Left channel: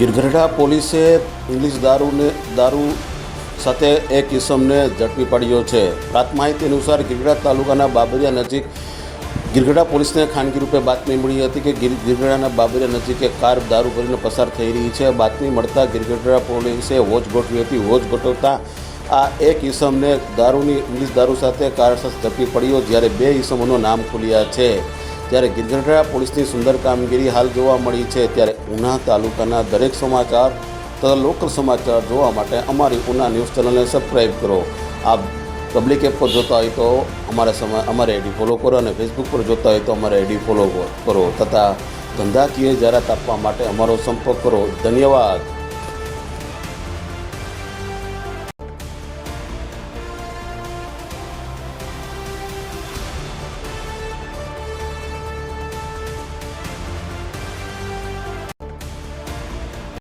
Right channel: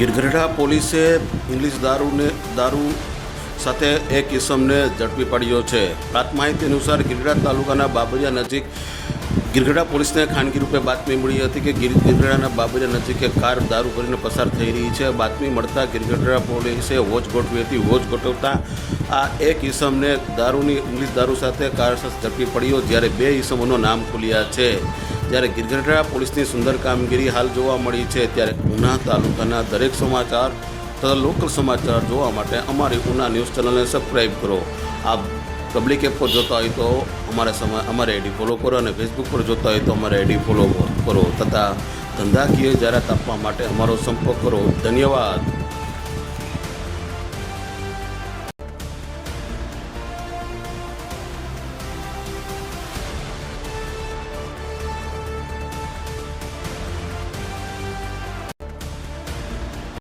ગિરગઢડા પોલીસે ઇંગ્લિશ દારૂ સાથે એક ઇસમને ઝડપી પાડ્યો છે। પ્રાપ્ત માહિતી અનુસાર ગિરગઢડા તાલુકાના બાબરિયા નજીક ગિરગઢડા પોલીસને ખાનગી રૂપે બાતમી મળી હતી કે ગિરગઢડાના બાબરિયા નજીક એક કાર દારૂ ભરીને પસાર થઈ રહી છે। બાતમી મળતા ગિરગઢડા પોલીસે વોચ ગોઠવી હતી। વોચ ગોઠવતા આ એક ઇસમને ઇંગ્લિશ દારૂ સાથે કાર સાથે ઝડપી પડ્યો, જ્યારે બે ઇસમોનું નામ ખુલ્યા છે। જ્યારે ગિરગઢડા પોલીસની સુંદર કામગીરી હાલ જોવા મળી છે, ત્યારે ઉના તાલુકાના દરેક સમાચાર તથા લોકલ સમાચાર જોવા માટે અમારી ઉના ન્યૂઝ ચેનલને સબસ્ક્રાઈબ કરો। આપ પબ્લિક એપ પર જોતા હોય તો અમારે આઈડી ફોલો કરો અને ફેસબુક પર જોતા હોય તો અમારે આઈડી ફોલો કરો તથા ધંધાકીય જાહેરાત આપવા માટે અમારો સંપર્ક કરો। ધન્યવાદ।